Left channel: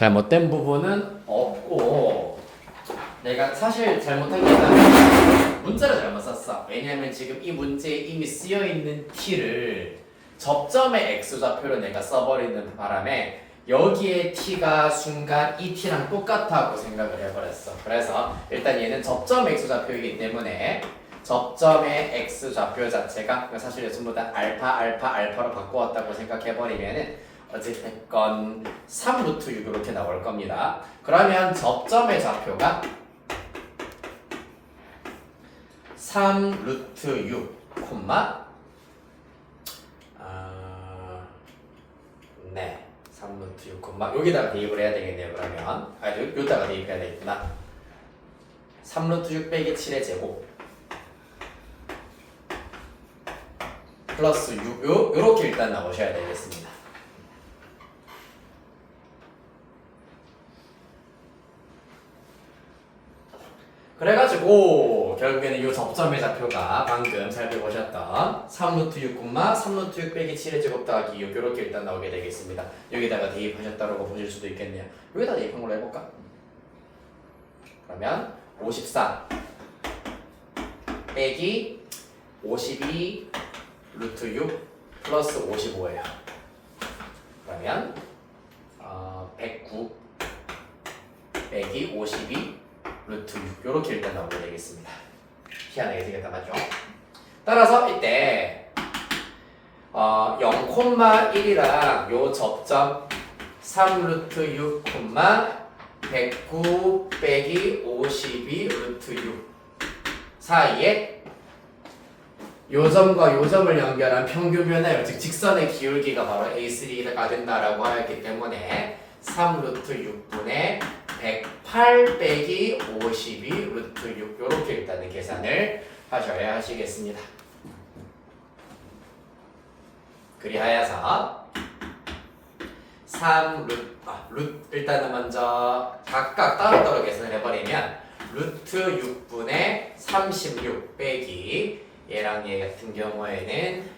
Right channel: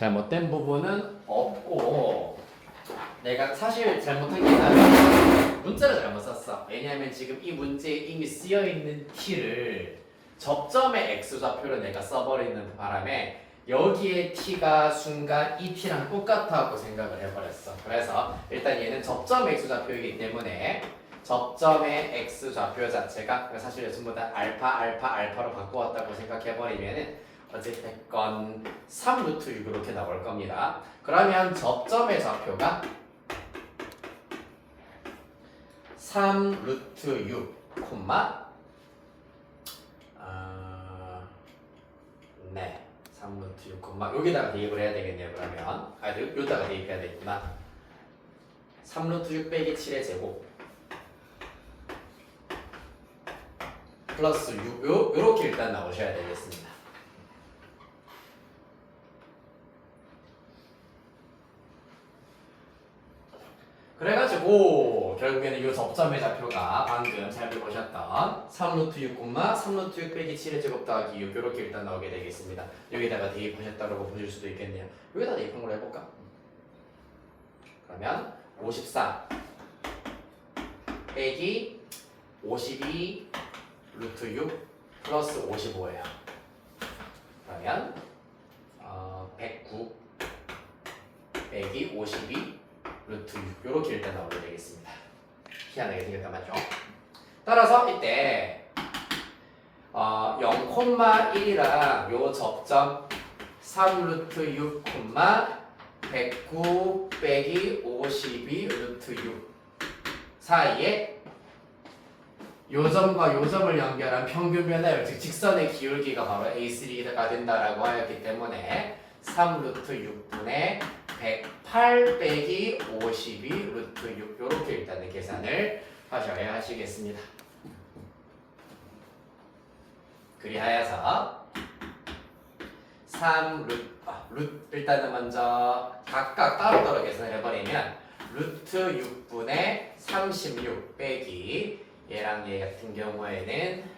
잘못된 부분은 없고 내가 사실 잘못한 게 있다면 문자를 잘못 썼어. 왜냐하면 지금 이 문제에 이미 쓰여있는 t를 접점의 x좌표로 내가 써버리는 바람에 여기에 t가 순간 이 t랑 똑같다고 생각을 해버렸어. 그래서 일단 얘는 접점 x좌표이기 때문에 접점의 x좌표 자체가 사실 전부 다 알파로 바꾸었다고 생각해버리면은 어쨌든 3루트 6 이렇게 나올 겁니다. 그러면 접점의 좌표가 3루트 6, 네, 3루트 6, 여기다가 대입을 해야 되겠네요. 그러면 여기다가 대입해야 되겠구나. 3루트 6 빼기 7의 제곱 플러스 6, 요렇게 일단 나오셔야 되겠습니다. 그래가지고 결국에는 이 접점의 좌표가 방금 살펴보셨던 3루트 6, 3루트 6 빼기 7의 제곱 더하기 6 이렇게 일단 나오게 되겠습니다. 여기다가 대입하셨다고 보실 수도 있겠네요. 여기다 대입한 걸로 해볼까? 그러면 54 빼기 52 루트 6 플러스 55예요. 그러면 109 빼기 52 루트 6 이렇게 일단 나오게 되겠습니다. 희한하게 생겼다 맞죠? 따라서 이때 0,1이랑 요 접점 3 루트 6, 109 빼기 52 루트 6 사이에 요점과 요점을 연결한 평균 변화율, 즉 직선의 기울기가 바로 A3가 된다라고 하였기 때문에 3 루트 6분의 108 빼기 52 루트 6 이렇게 일단은 계산을 하셔야 하시겠습니다. 그리하여서 3 일단은 먼저 각각 따로따로 계산을 해버리면 루트 6분의 36 빼기 얘랑 얘 같은 경우에는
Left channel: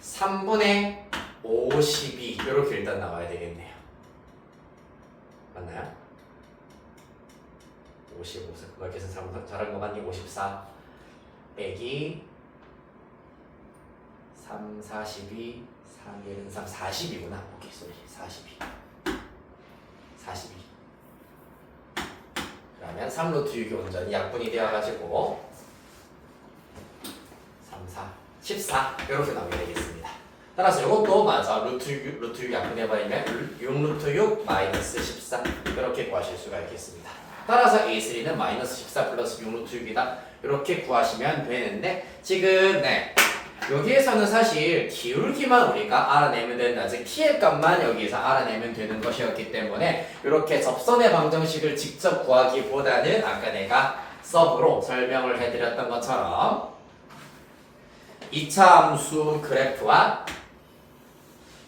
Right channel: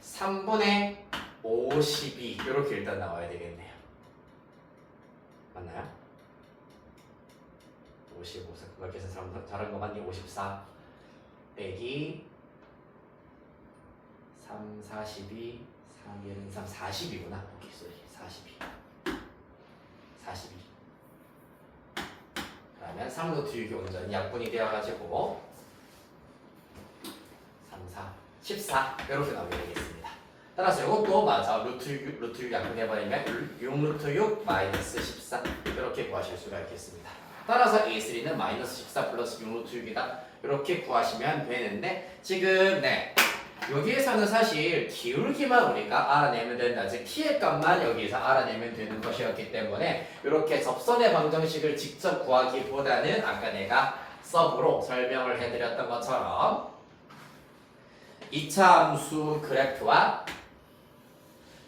3분의 52 이렇게 일단 나와야 되겠네요. 맞나요? 55, 그걸 계산 잘한 거 맞니? 54 빼기 3, 42, 3, 1, 3, 40이구나. 오케이, 소리 42 그러면 3루트 6이 온전히 약분이 되어가지고 14 이렇게 나오게 되겠습니다. 따라서 이것도 맞아. 루트 6 약분해버리면 6루트 6 마이너스 14 이렇게 구하실 수가 있겠습니다. 따라서 A3는 마이너스 14 플러스 6루트 6이다 이렇게 구하시면 되는데 지금 여기에서는 사실 기울기만 우리가 알아내면 된다. 즉 t의 값만 여기서 알아내면 되는 것이었기 때문에 이렇게 접선의 방정식을 직접 구하기보다는 아까 내가 서브로 설명을 해드렸던 것처럼 2차 함수 그래프와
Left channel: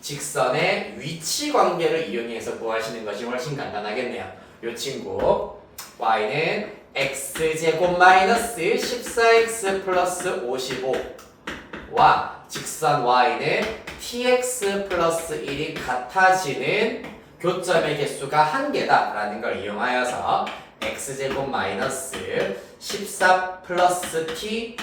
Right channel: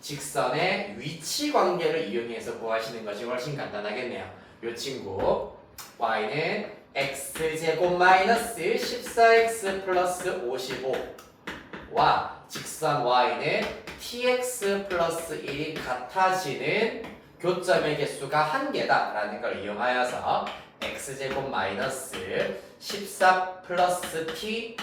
직선의 위치 관계를 이용해서 구하시는 것이 훨씬 간단하겠네요. 이 친구 y는 x제곱 마이너스 14x 플러스 55와 직선 y는 tx 플러스 1이 같아지는 교점의 개수가 한 개다라는 걸 이용하여서 x제곱 마이너스 14 플러스 t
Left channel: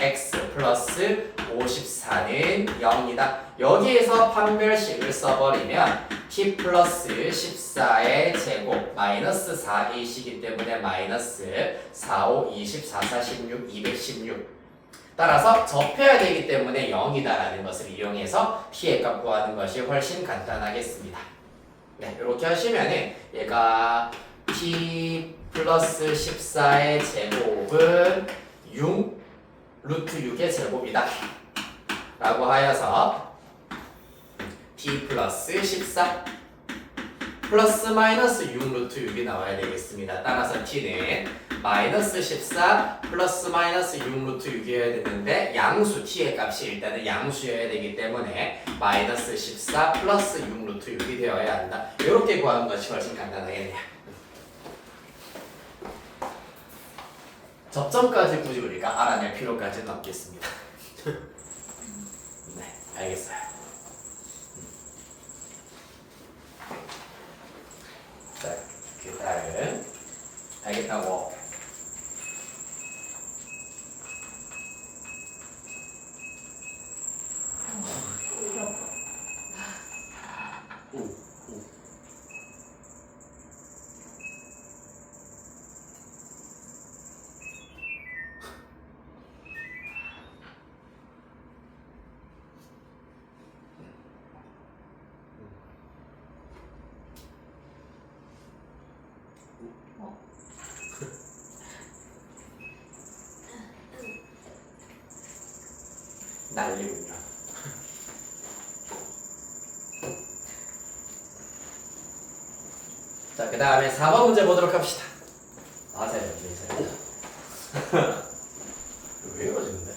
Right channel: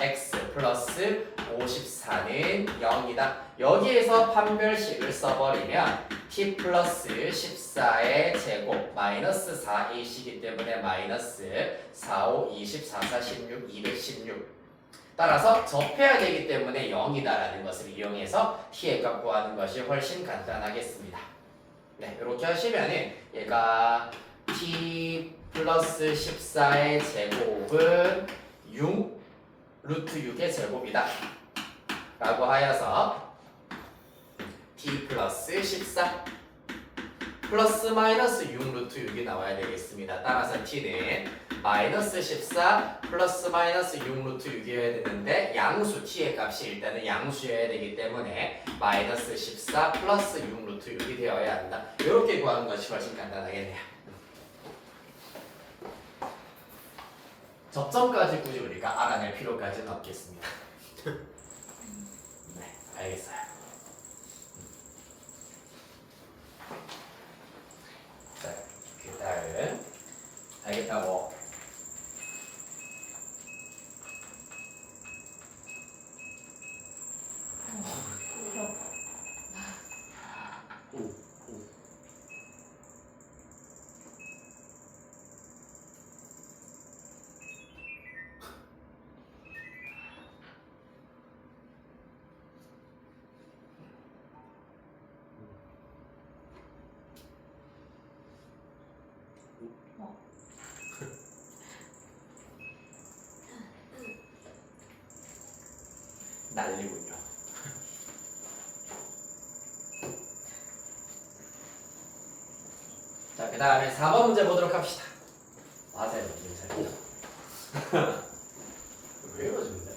x 플러스 54는 0이다. 여기에서 판별식을 써버리면 t 플러스 14의 제곱 마이너스 4이시기 때문에 마이너스 4, 5, 24, 4, 16, 216 따라서 접해야 되기 때문에 0이다라는 것을 이용해서 t의 값 구하는 것이 훨씬 간단하겠습니다. 네, 이렇게 하시면은 얘가 t 플러스 14의 제곱은 6 루트 6의 제곱이다 라고 하여서 t 플러스 14 플러스 마이너스 6 루트 6이 나와야 되겠습니다. 따라서 t는 마이너스 14 플러스 마이너스 6 루트 6이어야 되는데 양수 t의 값이 일단은 양수여야 되기 때문에 마이너스 14 플러스 6 루트 6이 되어야 한다. 이렇게 구하는 것이 훨씬 간단하겠네요. 접점까지 굳이 우리가 알아낼 필요까지는 없겠습니다. 네, 알겠어요. 되겠다고. 난리군요. 자, 그 다음에 4번 문제 보도록 합시다. 맞아요, 괜찮아요. 왜 이러지는데?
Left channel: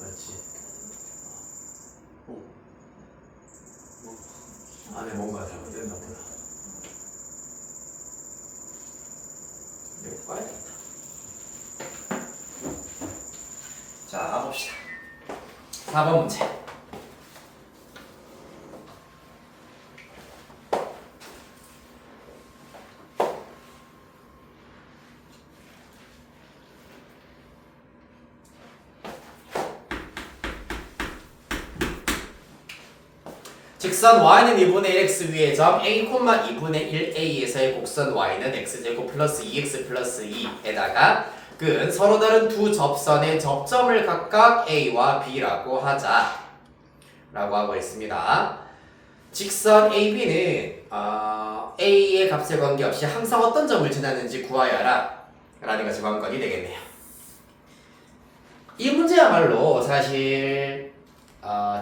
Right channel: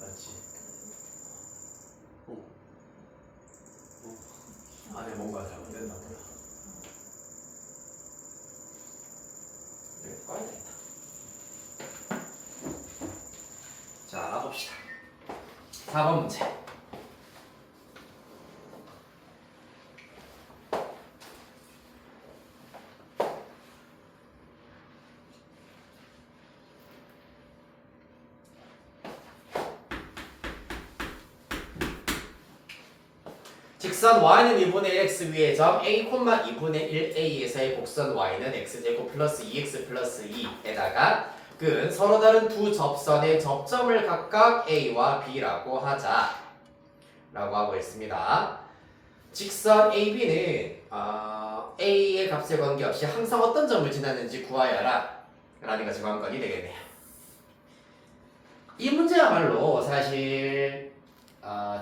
그렇지. 안에 뭔가 잘못됐나 보다. 이거 꺼야 되겠다. 자, 봅시다. 4번 문제. 직선 y는 2분의 1x 위의 점 a, 2분의 1a에서의 곡선 y는 x제곱 플러스 2x 플러스 2에다가 근 서로 다른 두 접선의 접점을 각각 a와 b라고 하자 라고 하고 있습니다. 직선 AB는 a의 값에 관계없이 항상 어떤 점을 지났는지 구하여라 라는 것이 관건이 되겠네요. 이 문제야말로 사실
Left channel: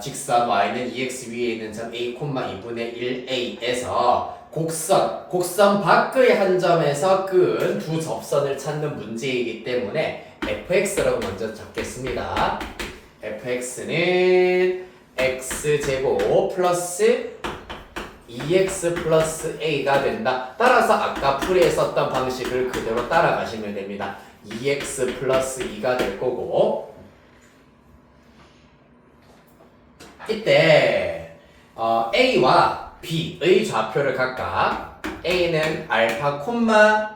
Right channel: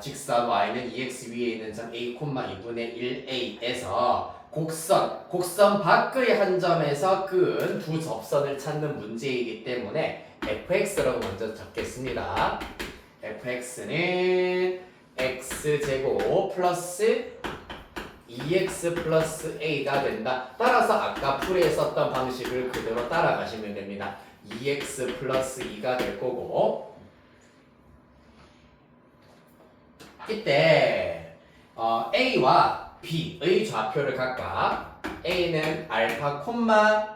직선 y는 2x 위에 있는 점 a, 2분의 1a에서 곡선 밖의 한 점에서 끈 두 접선을 찾는 문제이기 때문에 fx라고 먼저 잡겠습니다. fx는 x제곱 플러스 2x 플러스 a가 된다. 따라서 아까 풀이에 썼던 방식을 그대로 따라가시면 됩니다. 2x 플러스 2가 될 거고 이때 a와 b의 좌표를 각각 a는 알파 콤마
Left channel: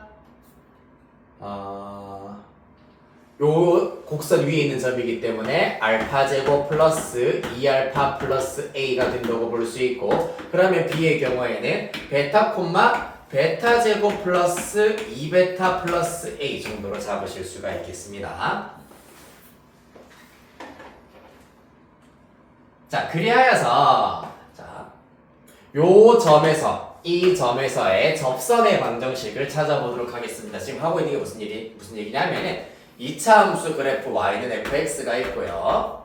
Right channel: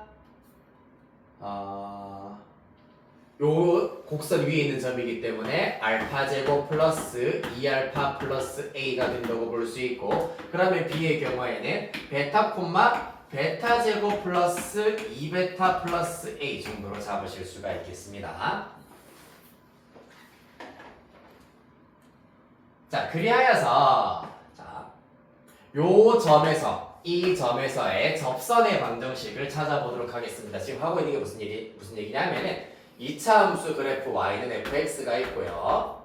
요 곡선 위에 있는 점이기 때문에 알파 제곱 플러스 2알파 플러스 a가 된다고 볼 수 있고 그러면 b의 경우에는 베타 콤마 베타 제곱 플러스 2베타 플러스 a 정도로 잡으실 수가 있겠습니다. 자, 그리하여서 요 점에서 이 점에서의 접선의 방정식을 찾아보도록 하겠습니다. 지금 하고 있는 게 무슨 얘기냐면은 2차 함수 그래프 y는 fx가 있고요.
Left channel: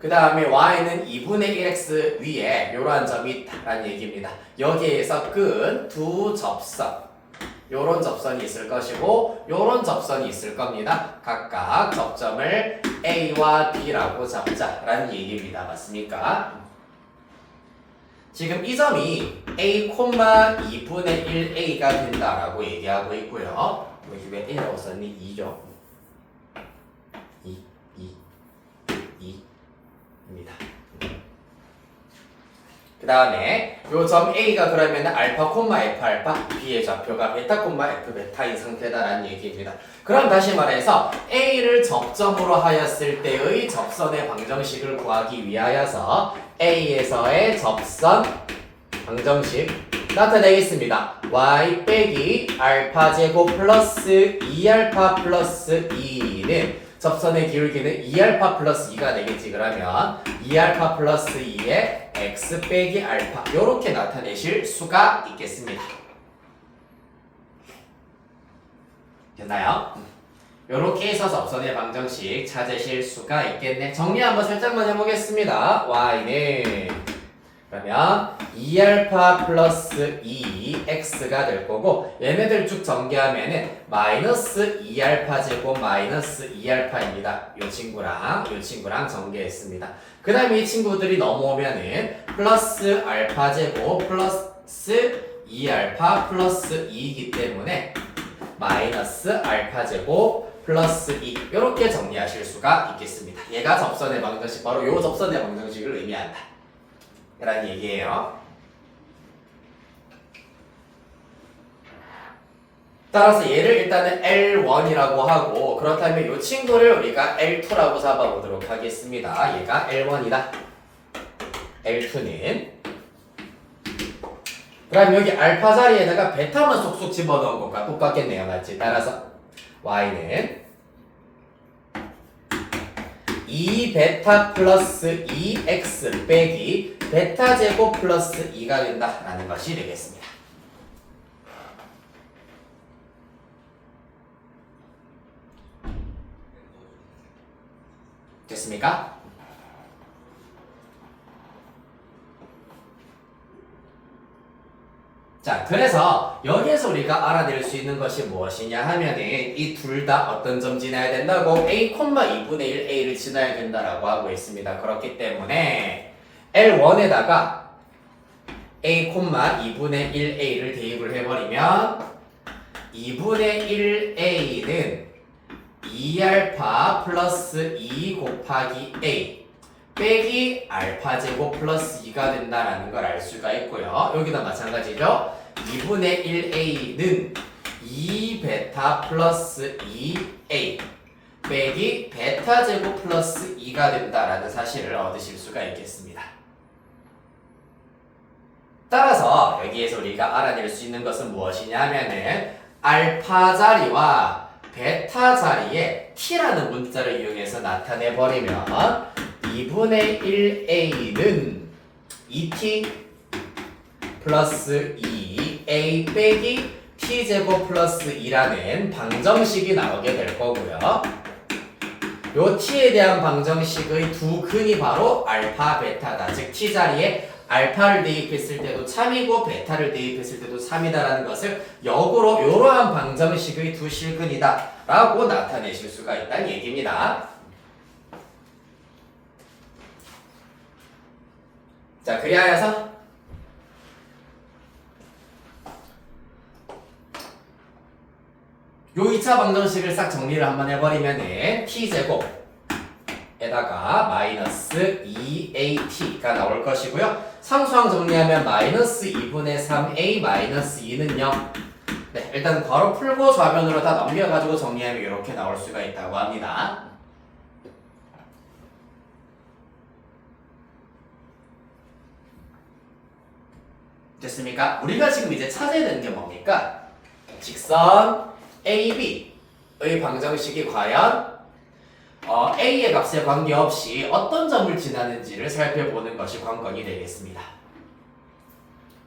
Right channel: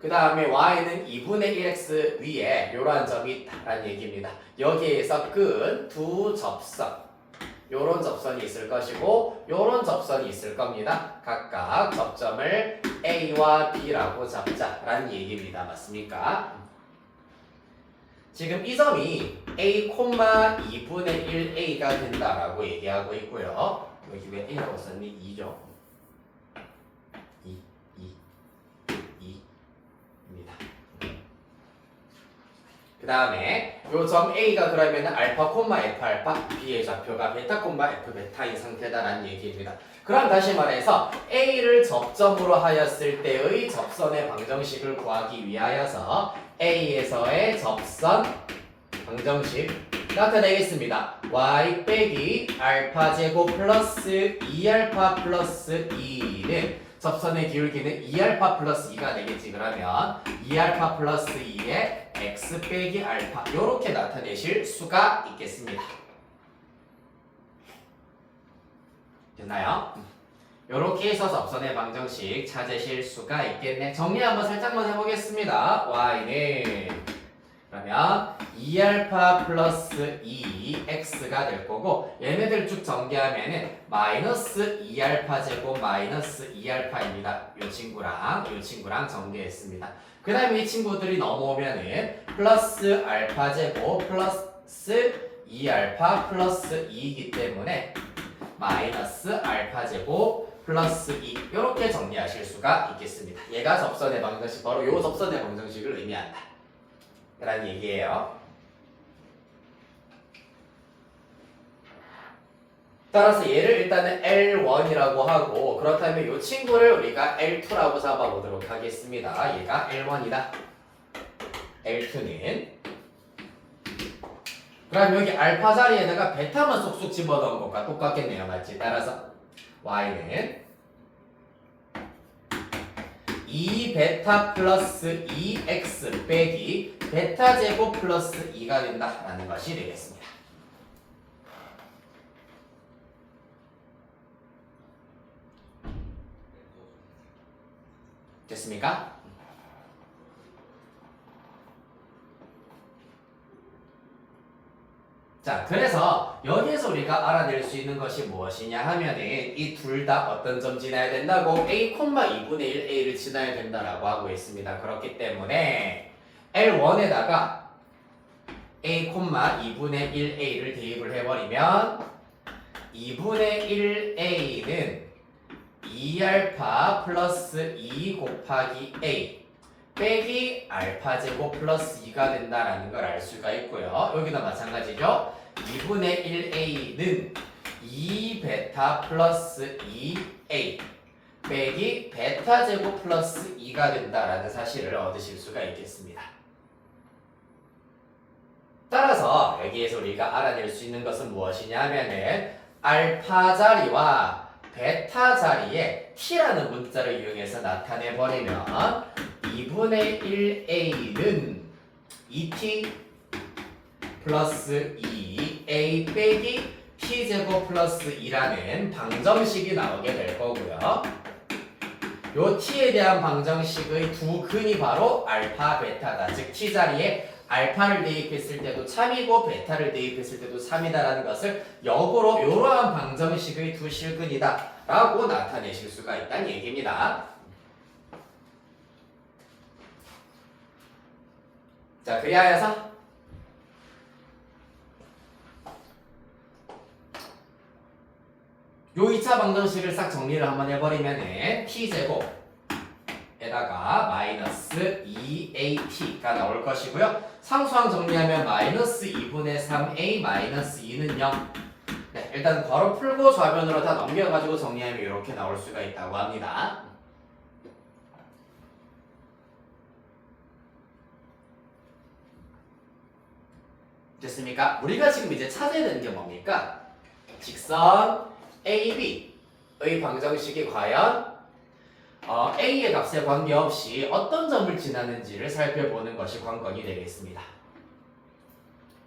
그 다음에 y는 2분의 1x 위에 이러한 점이 있다라는 얘기입니다. 여기에서 끈 두 접선, 요런 접선이 있을 것이고 요런 접선이 있을 겁니다. 각각 접점을 a와 b라고 잡자라는 얘기입니다. 맞습니까? 지금 이 점이 a, 2분의 1a가 된다라고 얘기하고 있고요. 여기 왜 a라고 썼니? 2죠. 2입니다. 그 다음에 요 점 a가 그러면 알파, f 알파, b의 좌표가 베타, f 베타인 상태다라는 얘기입니다. 그럼 다시 말해서 a를 접점으로 하였을 때의 접선의 방정식을 구하기 위하여서 a에서의 접선 방정식 나타내겠습니다. y 빼기 알파 제곱 플러스 2알파 플러스 2는 접선의 기울기는 2알파 플러스 2가 되겠지. 그러면 2알파 플러스 2에 x 빼기 알파 이렇게 나타내실 수가 있겠습니다. 됐나요? 이렇게 해서 접선의 방정식 찾으실 수가 있겠네. 정리 한번 살짝만 해보겠습니다. y는 그러면 2알파 플러스 2x가 될 거고 얘네들 쭉 전개하면은 마이너스 2알파 제곱 마이너스 2알파입니다. 요 친구랑 전개했습니다. 그 다음에 이 친구들이 넘어오면은 플러스 알파 제곱 플러스 2알파 플러스 2이기 때문에 마이너스 알파 제곱 플러스 2 이렇게 정리하실 수가 있겠습니다. 얘가 접선의 방정식 바로 요 접선의 방정식을 의미한다 라는 얘기예요. 따라서 얘를 일단은 L1이라고 하고 그렇다면 이 친구를 우리가 L2라고 잡아보도록 하겠습니다. 얘가 L1이다. L2는 그럼 여기 알파 자리에다가 베타만 쏙쏙 집어넣은 것과 똑같겠네요. 맞지? 따라서 Y는 2베타 플러스 2x 빼기 베타 제곱 플러스 2가 된다라는 것이 되겠습니다. 됐습니까? 자, 그래서 여기에서 우리가 알아낼 수 있는 것이 무엇이냐 하면은 이 둘 다 어떤 점 지나야 된다고 a, 2분의 1 a를 지나야 된다라고 하고 있습니다. 그렇기 때문에 L1에다가 a, 2분의 1 a를 대입을 해버리면 2분의 1 a는 2알파 플러스 2 곱하기 a 빼기 알파 제곱 플러스 2가 된다라는 걸 알 수가 있고요. 여기도 마찬가지죠. 2분의 1a는 2베타 플러스 2a 빼기 베타 제곱 플러스 2가 된다라는 사실을 얻으실 수가 있겠습니다. 따라서 여기에서 우리가 알아낼 수 있는 것은 무엇이냐 하면은 알파 자리와 베타 자리에 t라는 문자를 이용해서 나타내 버리면 2분의 1a는 2t 플러스 2a 빼기 t제곱 플러스 2라는 방정식이 나오게 될 거고요. 요 t에 대한 방정식의 두 근이 바로 알파, 베타다. 즉 t 자리에 알파를 대입했을 때도 참이고 베타를 대입했을 때도 3이다라는 것을 역으로 이러한 방정식의 두 실근이다 라고 나타내실 수가 있다는 얘기입니다. 자, 그리하여서 요 2차 방정식을 싹 정리를 한번 해버리면은 t제곱 에다가 마이너스 2at가 나올 것이고요. 상수항 정리하면 마이너스 2분의 3a 마이너스 2는 0. 네, 일단 바로 풀고 좌변으로 다 넘겨가지고 정리하면 이렇게 나올 수가 있다고 합니다. 됐습니까? 우리가 지금 이제 찾아야 되는 게 뭡니까? 직선 AB의 방정식이 과연 A의 값에 관계없이 어떤 점을 지나는지를 살펴보는 것이 관건이 되겠습니다.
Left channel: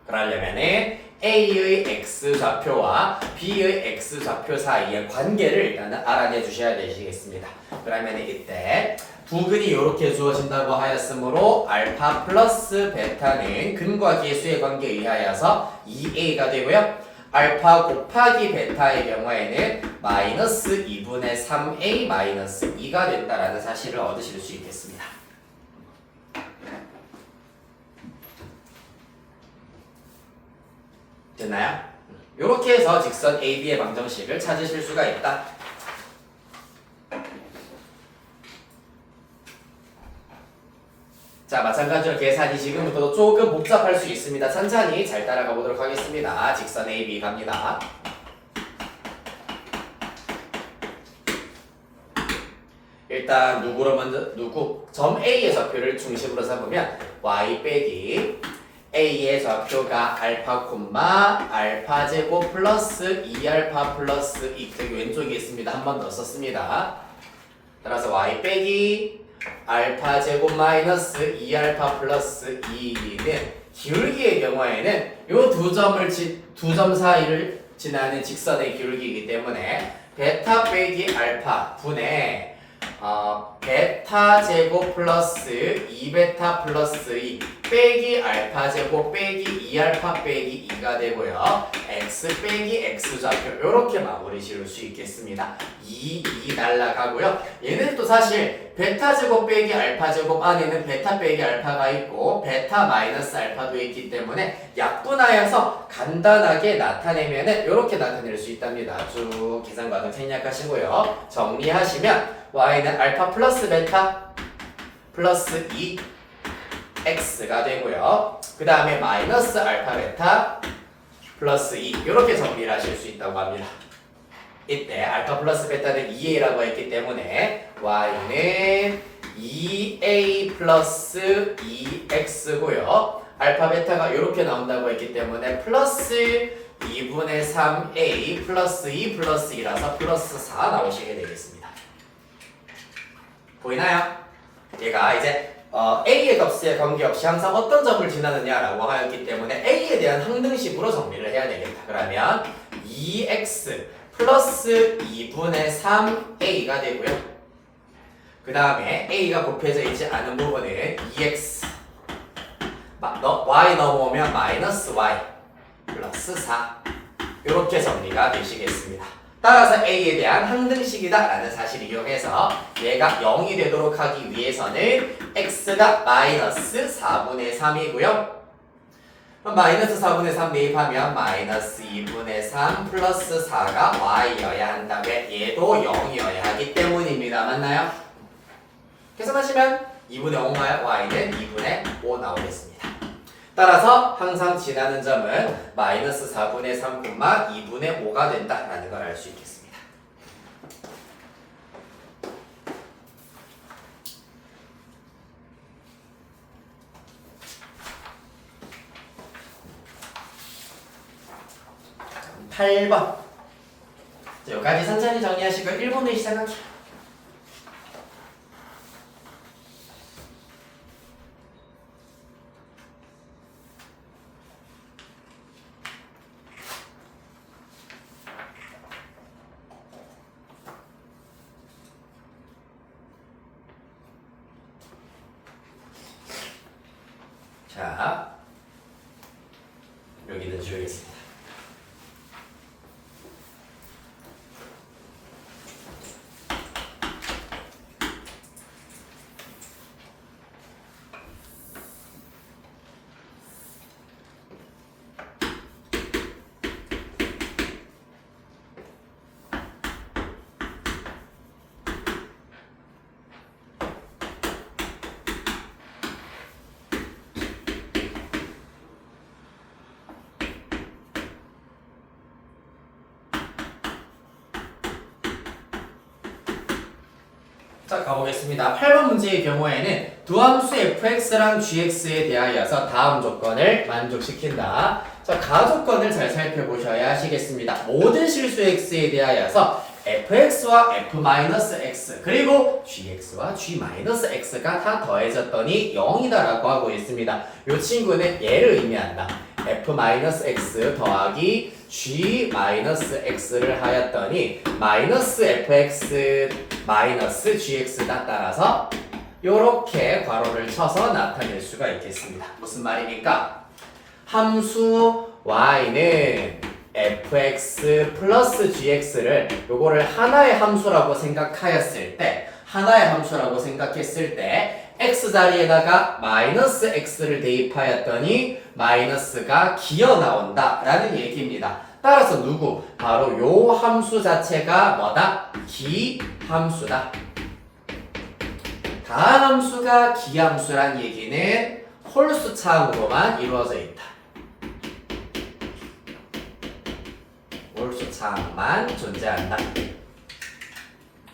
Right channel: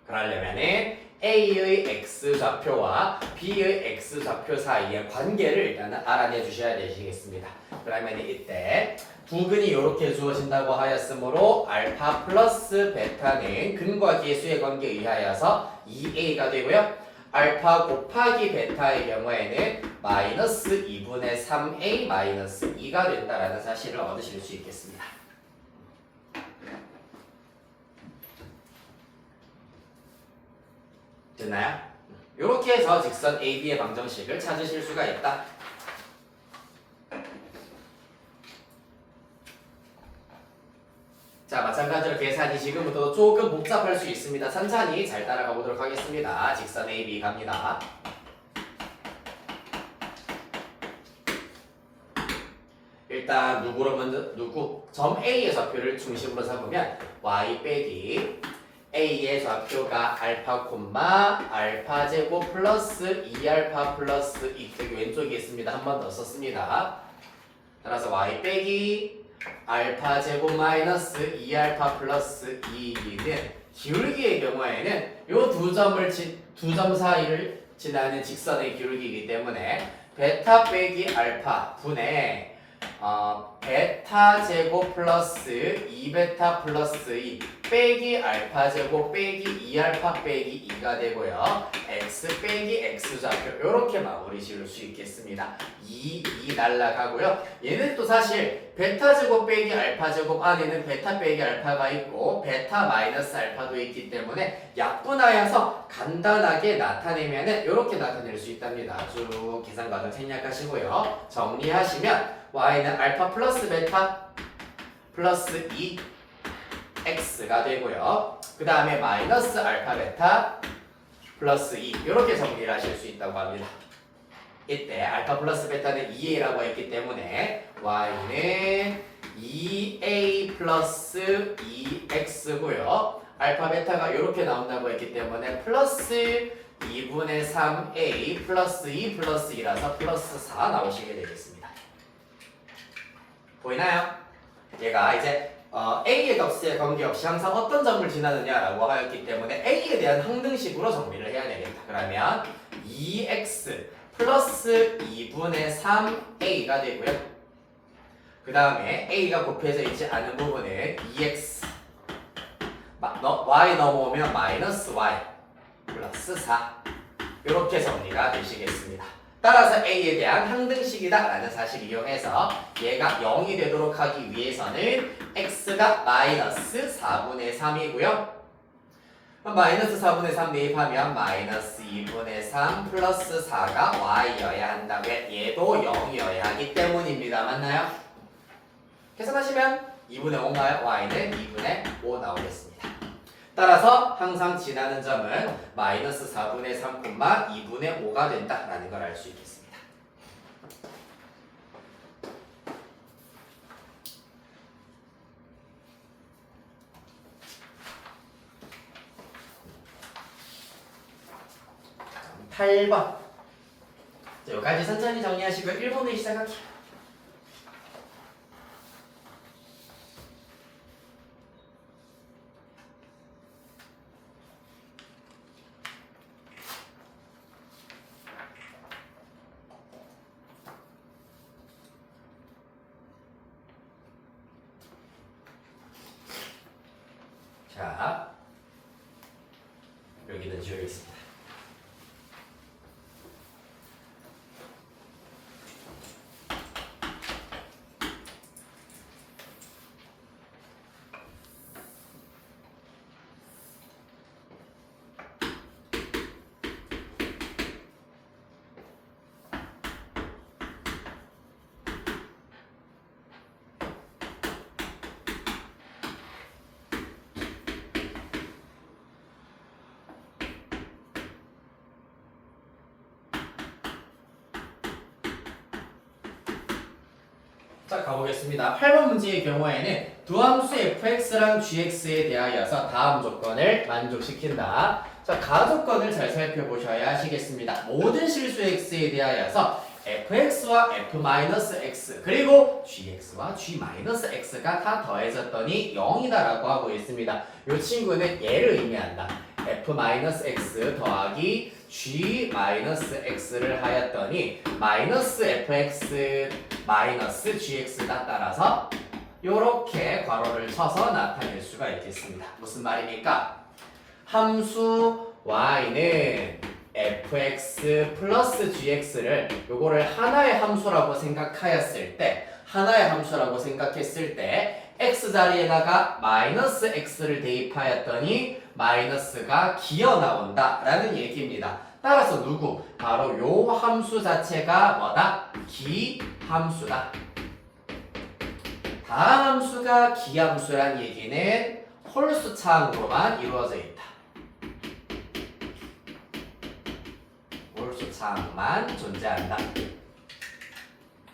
그러려면은 A의 X좌표와 B의 X좌표 사이의 관계를 일단은 알아내 주셔야 되시겠습니다. 그러면 이때 두 근이 이렇게 주어진다고 하였으므로 알파 플러스 베타는 근과 계수의 관계에 의하여서 2A가 되고요. 알파 곱하기 베타의 경우에는 마이너스 2분의 3a 마이너스 2가 된다라는 사실을 얻으실 수 있겠습니다. 됐나요? 이렇게 해서 직선 AB의 방정식을 찾으실 수가 있다. 자, 마찬가지로 계산이 지금부터도 조금 복잡할 수 있습니다. 천천히 잘 따라가 보도록 하겠습니다. 직선 AB 갑니다. 일단 점 A의 좌표를 중심으로 잡으면 y 빼기 A의 좌표가 알파 콤마 알파 제곱 플러스 2알파 플러스 2 여기 왼쪽에 있습니다. 한 번 더 썼습니다. 따라서 y 빼기 알파 제곱 마이너스 2알파 플러스 2는 기울기의 경우에는 이 두 점 사이를 지나는 직선의 기울기이기 때문에 베타 빼기 알파 분의 베타 제곱 플러스 2베타 플러스 2 빼기 알파 제곱 빼기 2알파 빼기 2가 되고요. x 빼기 x 좌표 이렇게 마무리 지을 수 있겠습니다. 2 날라가고요. 얘는 또 사실 베타 제곱 빼기 알파 제곱 안에는 베타 빼기 알파가 있고 베타 마이너스 알파도 있기 때문에 약분하여서 간단하게 나타내면은 이렇게 나타낼 수 있답니다. 쭉 계산 과정 생략하시고요. 정리하시면 y는 알파 플러스 베타 플러스 2x가 되고요. 그 다음에 마이너스 알파 베타 플러스 2 이렇게 정리를 하실 수 있다고 합니다. 이때 알파 플러스 베타는 2a라고 했기 때문에 y는 2a 플러스 2x고요. 알파 베타가 이렇게 나온다고 했기 때문에 플러스 2분의 3a 플러스 2 플러스 2라서 플러스 4 나오시게 되겠습니다. 보이나요? 얘가 이제 a의 값에 관계없이 항상 어떤 점을 지나느냐라고 하였기 때문에 a에 대한 항등식으로 정리를 해야 되겠다. 그러면 2x 플러스 2분의 3a가 되고요. 그 다음에 a가 곱해져 있지 않은 부분은 2x y 넘어오면 마이너스 y 플러스 4 이렇게 정리가 되시겠습니다. 따라서 a에 대한 항등식이다 라는 사실을 이용해서 얘가 0이 되도록 하기 위해서는 x가 마이너스 4분의 3이고요. 마이너스 4분의 3 대입하면 마이너스 2분의 3 플러스 4가 y여야 한다. 왜? 얘도 0이어야 하기 때문입니다. 맞나요? 계산하시면 2분의 5인가요? y는 2분의 5 나오겠습니다. 따라서 항상 지나는 점은 마이너스 4분의 3, 2분의 5가 된다라는 걸 알 수 있겠습니다. 자, 8번. 자, 여기까지 천천히 정리하시고 1번을 시작할게요. 자, 여기는 지우겠습니다. 자, 가보겠습니다. 8번 문제의 경우에는 두 함수 fx랑 gx에 대하여서 다음 조건을 만족시킨다. 자, 가조건을 잘 살펴보셔야 하시겠습니다. 모든 실수 x에 대하여서 fx와 f-x 그리고 gx와 g-x가 다 더해졌더니 0이다라고 하고 있습니다. 이 친구는 얘를 의미한다. f-x 더하기 g-x를 하였더니 마이너스 fx 마이너스 gx다. 따라서 이렇게 괄호를 쳐서 나타낼 수가 있겠습니다. 무슨 말입니까? 함수 y는 fx 플러스 gx를 요거를 하나의 함수라고 생각하였을 때 x 자리에다가 마이너스 x를 대입하였더니 마이너스가 기어 나온다 라는 얘기입니다. 따라서 누구? 바로 요 함수 자체가 뭐다? 기함수다. 다함수가 기함수란 얘기는 홀수차항으로만 이루어져 있다. 홀수차항만 존재한다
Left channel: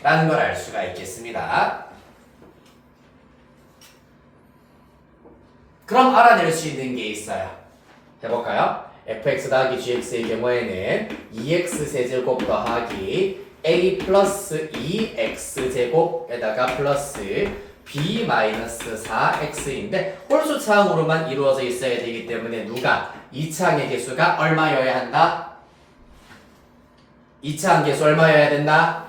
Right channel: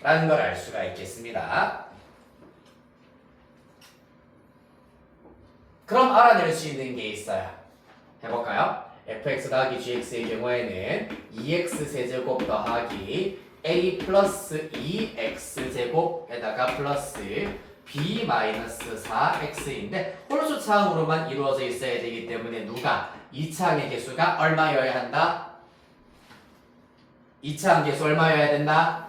라는 걸 알 수가 있겠습니다. 그럼 알아낼 수 있는 게 있어요. 해볼까요? fx 더하기 gx의 경우에는 2x 세제곱 더하기 a 플러스 2x제곱에다가 플러스 b 마이너스 4x인데 홀수차항으로만 이루어져 있어야 되기 때문에 누가? 2차항의 개수가 얼마여야 한다? 2차항 개수 얼마여야 된다?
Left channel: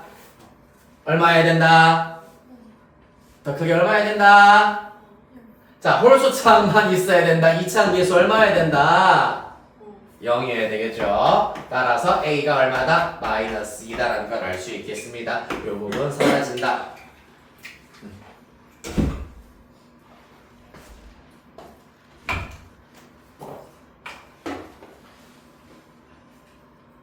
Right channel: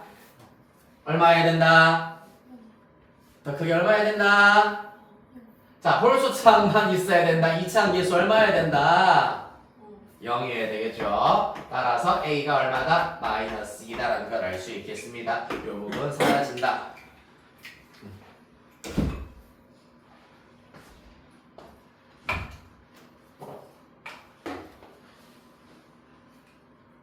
얼마여야 된다? 더 크게 얼마여야 된다? 자, 홀수차항만 있어야 된다. 2차항 개수 얼마여야 된다? 0이어야 되겠죠. 따라서 a가 얼마다? 마이너스 2다라는 걸 알 수 있겠습니다. 이 부분 사라진다.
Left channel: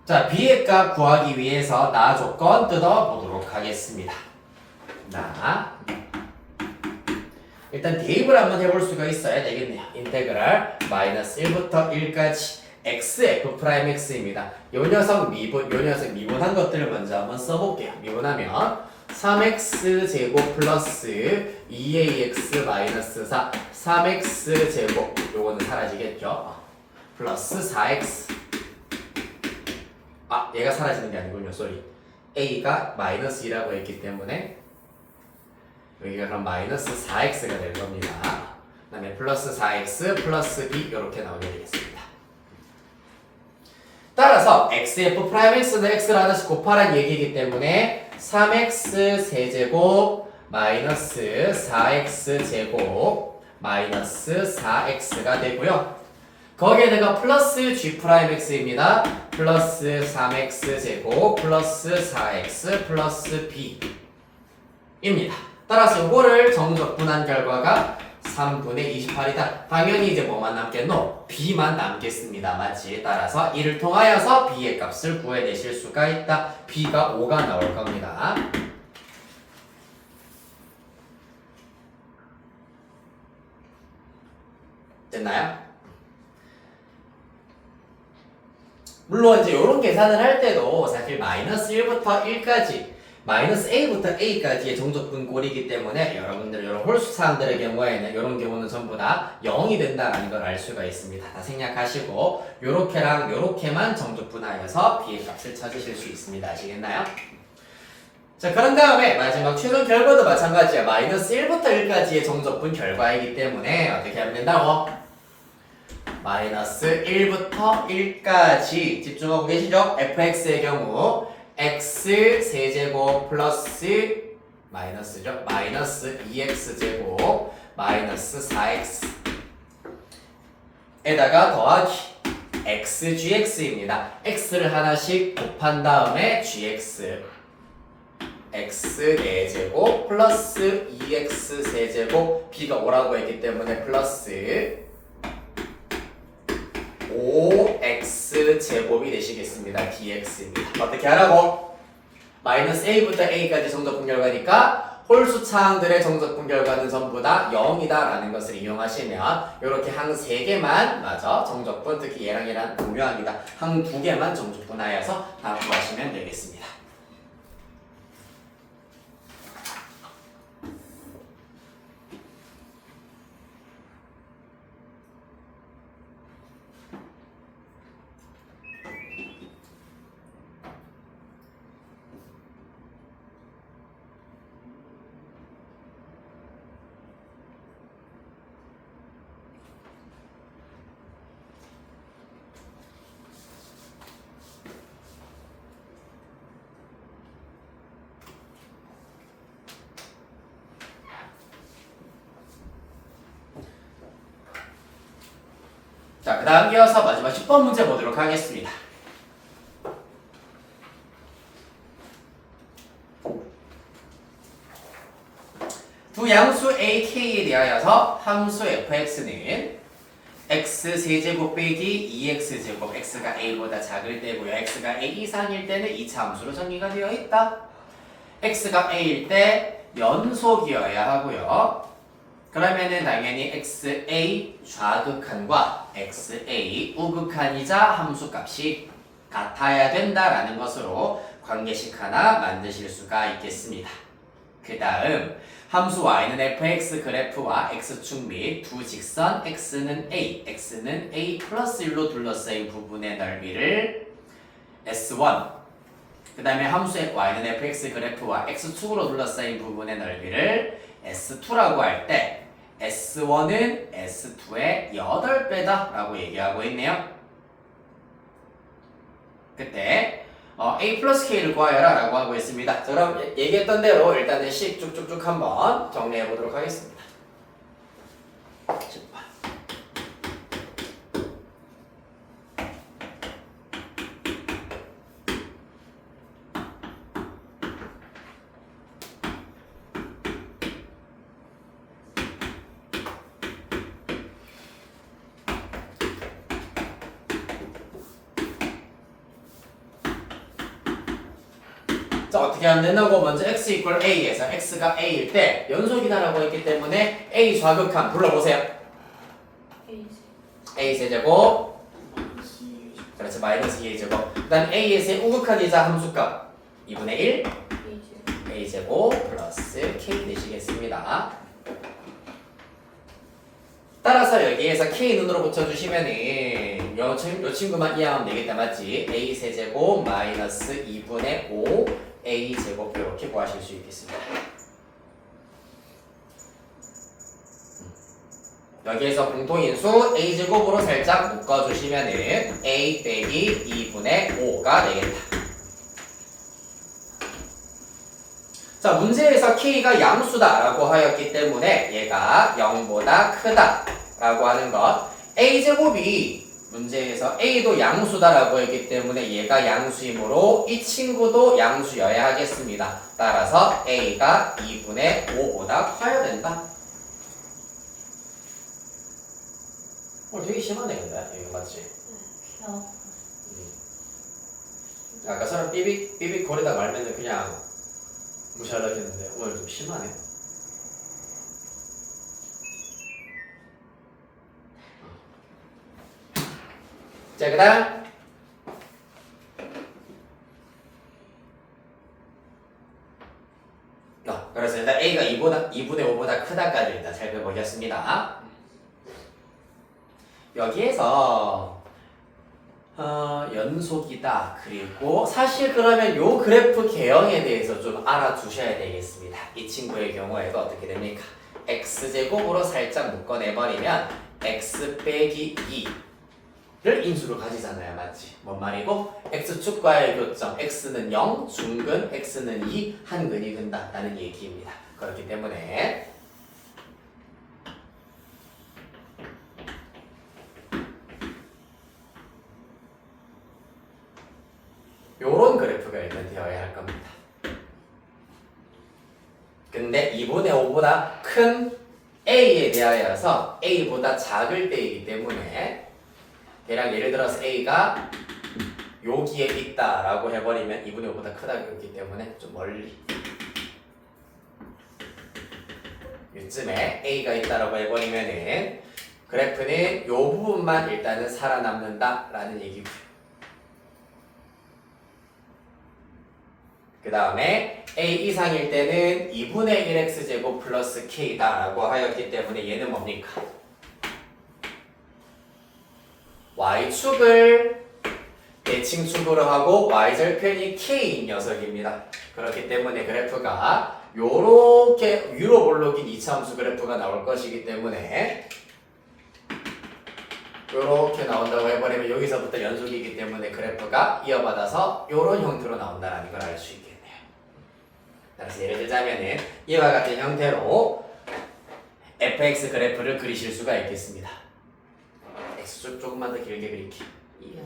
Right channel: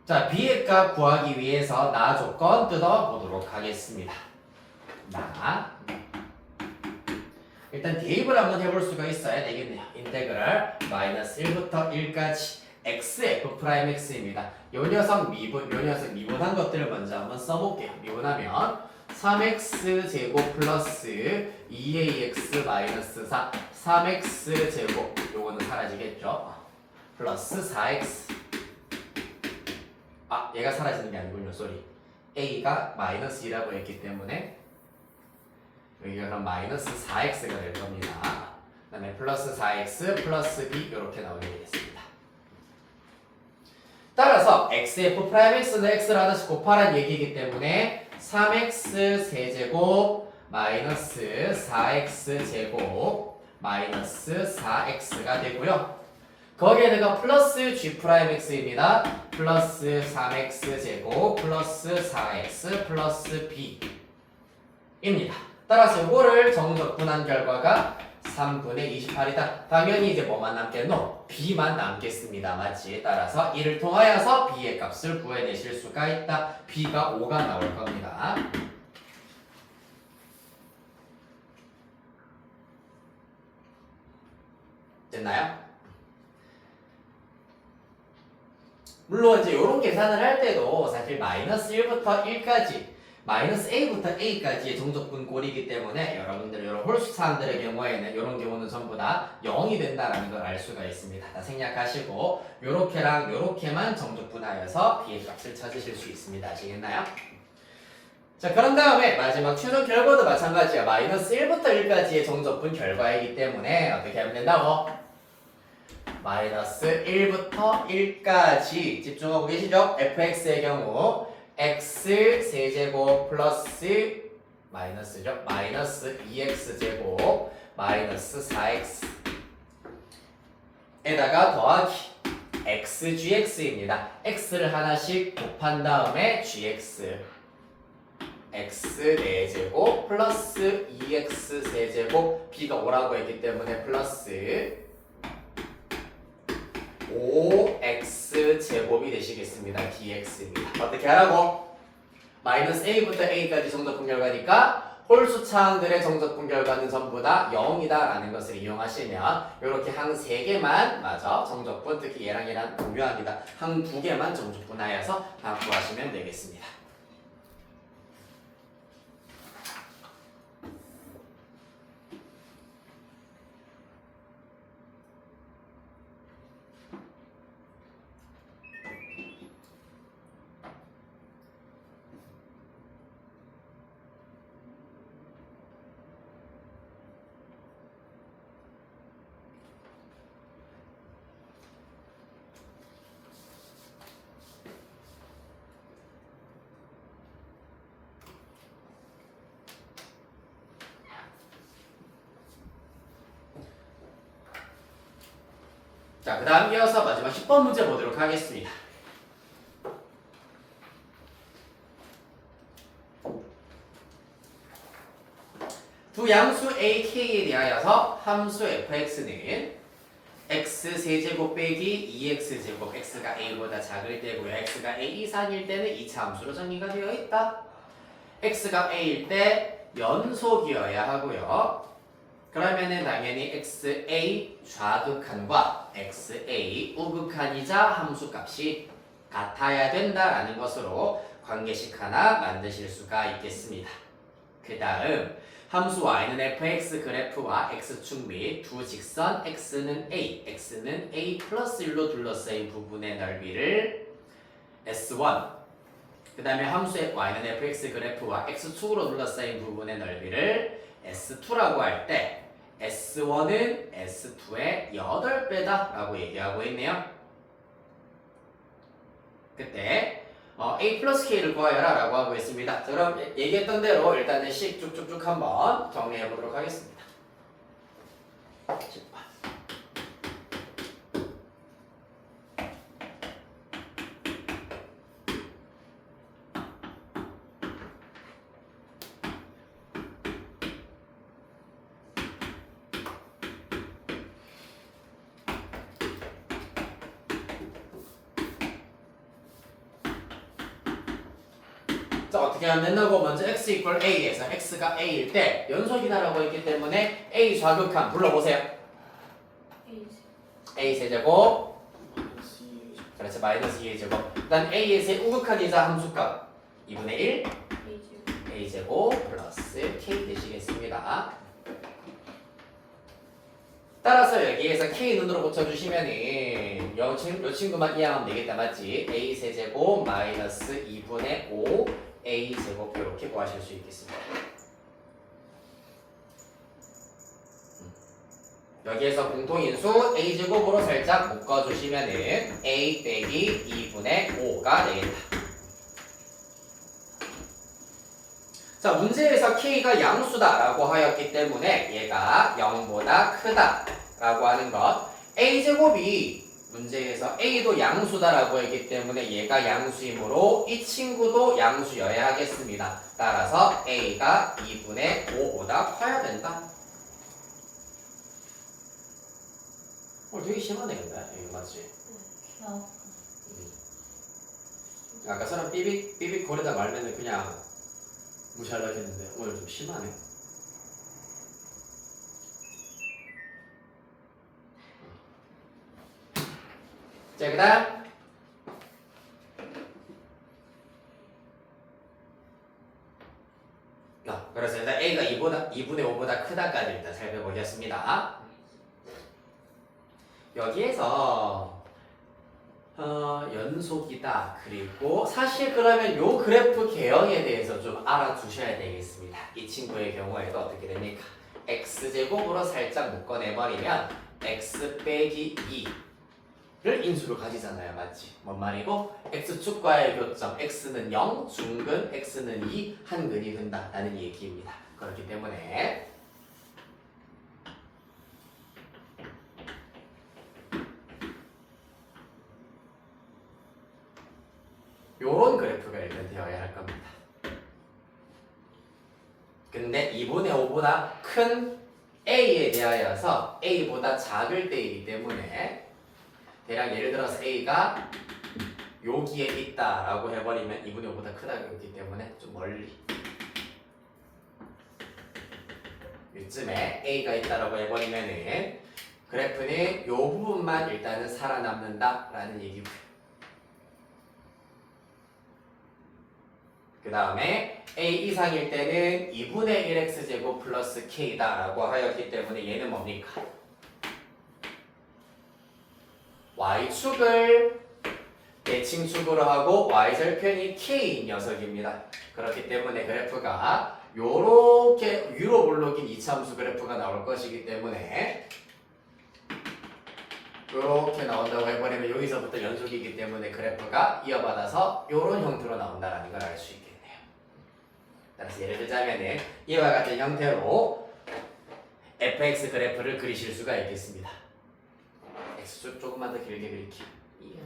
자, b의 값 구하기 위해서 나 조건 뜯어보도록 하겠습니다. 나 일단 대입을 한번 해볼 수가 있어야 되겠네요. 인테그랄 마이너스 1부터 1까지 xf'x입니다. 요 녀석 미분한 것들을 먼저 한번 써볼게요. 미분하면 3x제곱 플러스 2ax 마이너스 4 3x제곱 요거는 사라지겠죠. 플러스 4x 얘가 사라지는 게 아니군요. 쏘리. a가 마이너스 2라고 했기 때문에 여기가 그럼 마이너스 4x가 될 겁니다. 그 다음에 플러스 4x 플러스 b 이렇게 나오게 되겠습니다. 따라서 xf'x는 x를 하나씩 곱하라는 얘기이기 때문에 3x 세제곱 마이너스 4x 제곱 마이너스 4x가 되고요. 거기에다가 플러스 g'x입니다. 플러스 3x 제곱 플러스 4x 플러스 b입니다. 따라서 이거를 정적분한 결과가 3분의 28이다. 당연히 이제 뭐만 남겠노? b만 남겠습니다. 맞지? 따라서 이를 통하여서 b의 값을 구해내실 수가 있다. b가 5가 나올 겁니다. 됐나요? 물론 이제 이런 계산을 할 때도 사실 마이너스 1부터 1까지 마이너스 a부터 a까지의 정적분 꼴이기 때문에 여러분들 이런 홀수 사항들의 경우에는 이런 경우는 전부 다 0이 된다라는 걸 알 수가 있습니다. 다 생략하시고 요렇게랑 요렇게만 정적분하여서 b의 값을 찾으실 수 있습니다. 아시겠나요? 자, 그런 다음에 마지막 최종 결과도 마찬가지야. 마이너스 1부터 1까지의 정적분 결과이기 때문에 어떻게 하면 된다고? 마이너스 1부터 1까지 집중하고 계시죠? fx의 경우 x 세제곱 플러스 마이너스죠? 마이너스 2x 제곱 마이너스 4x 에다가 더하기 x gx입니다. x를 하나씩 곱한 다음에 gx x 4제곱 플러스 2x 세제곱 b가 5라고 했기 때문에 플러스 5x 제곱이 되시겠습니다. dx입니다. 어떻게 하라고? 마이너스 a부터 a까지 정적분 결과니까 홀수 차항들의 정적분 결과는 전부 다 0이다 라는 것을 이용하시면 이렇게 항 3개만 맞아 정적분, 특히 얘랑 얘랑 동묘합니다. 항 2개만 정적분하여서 다 구하시면 되겠습니다. 자, 그 다음 이어서 마지막 10번 문제 보도록 하겠습니다. 두 양수 a, k에 대하여서 함수 fx는 x 세제곱 빼기 2x제곱 x가 a보다 작을 때고요. x가 a 이상일 때는 2차 함수로 정의가 되어 있다. x가 a일 때 연속이어야 하고요. 그러면은 당연히 xa 좌극한과 xa 우극한이자 함수값이 같아야 된다라는 것으로 관계식 하나 만드실 수가 있겠습니다. 그 다음 함수 y는 fx 그래프와 x축 및 두 직선 x는 a 플러스 1로 둘러싸인 부분의 넓이를 s1 그 다음에 함수 y는 fx 그래프와 x축으로 둘러싸인 부분의 넓이를 s2라고 할 때 S1은 S2의 8배다 라고 얘기하고 있네요. 그때 A 플러스 K를 구하여라 라고 하고 있습니다. 자, 그럼 얘기했던 대로 일단 식 쭉쭉쭉 한번 정리해 보도록 하겠습니다. 10번. 자, 어떻게 하면 된다고? 먼저 x equal a에서 x가 a일 때 연속이다라고 했기 때문에 a 좌극한 불러보세요. a 세제곱 그렇지. 마이너스 2a 제곱. 그 다음 a에서의 우극한 이자 함수값 2분의 1 a 제곱 플러스 k 되시겠습니다. 따라서 여기에서 k 눈으로 붙여주시면은 요 친구만 이해하면 되겠다. 맞지? a 세제곱 마이너스 2분의 5 a 제곱 이렇게 구하실 수 있겠습니다. 여기에서 공통인수 a 제곱으로 살짝 묶어주시면은 a 빼기 2분의 5가 되겠다. 자, 문제에서 k가 양수다라고 하였기 때문에 얘가 0보다 크다라고 하는 것. a제곱이 문제에서 a도 양수다라고 했기 때문에 얘가 양수이므로 이 친구도 양수여야 하겠습니다. 따라서 a가 2분의 5보다 커야 된다. 되게 심하네 근데 이거 맞지? 아까 사람 삐빅 거리다 말면 그냥 무시하려 했는데 오늘 좀 심하네. 자, 그 다음 그래서 일단 A가 2분의 5보다 크다까지 일단 살펴보겠습니다. 여기에서 연속이다. 그리고 사실 그러면 요 그래프 개형에 대해서 좀 알아두셔야 되겠습니다. 이 친구의 경우에도 어떻게 됩니까? x제곱으로 살짝 묶어내버리면 x 빼기 2를 인수로 가지잖아요. 맞지? 뭔 말이고? x축과의 교점 x는 0, 중근 x는 2, 한근이 된다라는 얘기입니다. 그렇기 때문에 요런 그래프가 일단 되어야 할 겁니다. 근데 2분의 5보다 큰 A에 대하여서 A보다 작을 때이기 때문에 대략 예를 들어서 A가 여기에 있다라고 해버리면 2분의 5보다 크다고 했기 때문에 좀 멀리 이쯤에 A가 있다라고 해버리면은 그래프는 요 부분만 일단은 살아남는다라는 얘기고요. 그 다음에 a 이상일 때는 2분의 1x제곱 플러스 k다 라고 하였기 때문에 얘는 뭡니까? y축을 대칭축으로 하고 y절편이 k인 녀석입니다. 그렇기 때문에 그래프가 요렇게 위로 볼록인 이차함수 그래프가 나올 것이기 때문에 요렇게 나온다고 해버리면 여기서부터 연속이기 때문에 그래프가 이어받아서 요런 형태로 나온다는 걸 알 수 있겠네요. 그래서 예를 들자면은 이와 같은 형태로 fx 그래프를 그리실 수가 있겠습니다. x축 조금만 더 길게 그릴게요. 이야.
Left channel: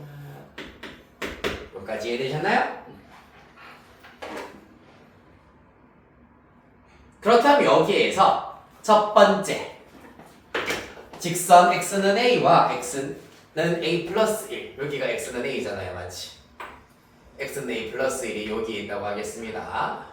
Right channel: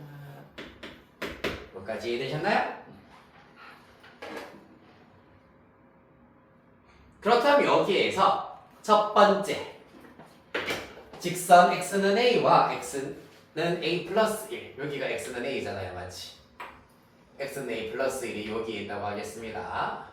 여기까지 이해되셨나요? 그렇다면 여기에서 첫 번째 직선 x는 a와 x는 a 플러스 1 여기가 x는 a잖아요. 맞지? x는 a 플러스 1이 여기에 있다고 하겠습니다.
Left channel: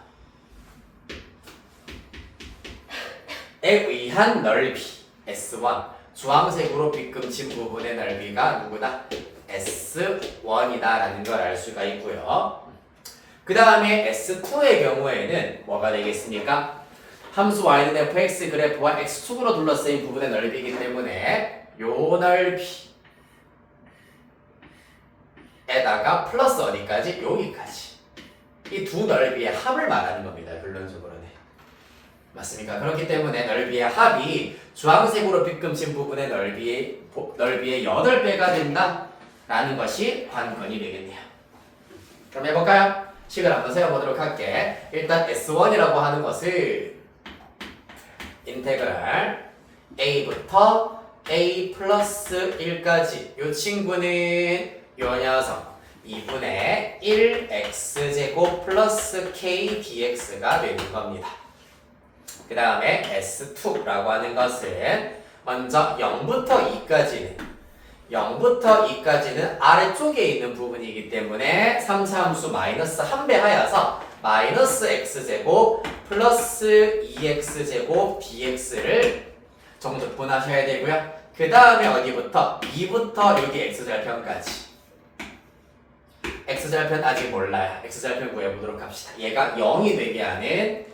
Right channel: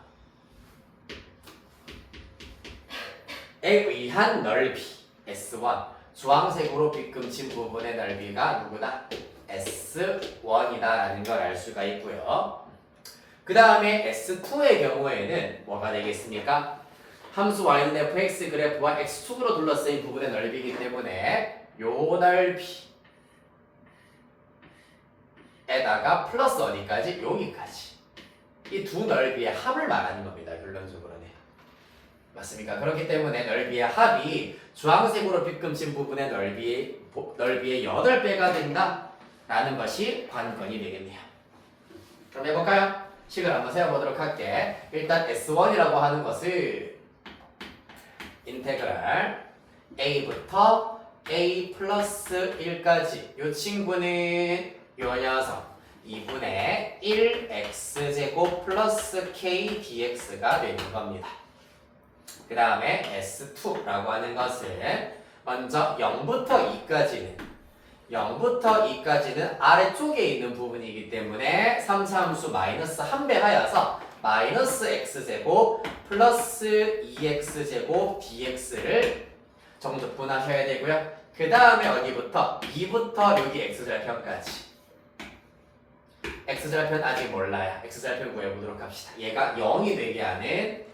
에 의한 넓이 S1 주황색으로 빗금친 부분의 넓이가 누구다? S1이다 라는 걸 알 수가 있고요. 그 다음에 S2의 경우에는 뭐가 되겠습니까? 함수 y는 fx 그래프와 x축으로 둘러싸인 부분의 넓이이기 때문에 요 넓이에다가 플러스 어디까지? 여기까지 이 두 넓이의 합을 말하는 겁니다. 결론적으로는 맞습니까? 그렇기 때문에 넓이의 합이 주황색으로 빗금친 부분의 넓이의 8배가 된다 라는 것이 관건이 되겠네요. 그럼 해볼까요? 식을 한번 세워보도록 할게. 일단 S1이라고 하는 것을 인테그랄 a부터 a 플러스 1까지 이 친구는 요 녀석 2분의 1x제곱 플러스 k dx가 되는 겁니다. 그 다음에 S2라고 하는 것은 먼저 0부터 2까지는 아래쪽에 있는 부분이기 때문에 3차함수 마이너스 1배 하여서 마이너스 x제곱 플러스 2x제곱 dx를 정적분하셔야 되고요. 그 다음에 어디부터? 2부터 여기 x절편까지 x절편 아직 몰라요. x절편 구해보도록 합시다. 얘가 0이 되게 하는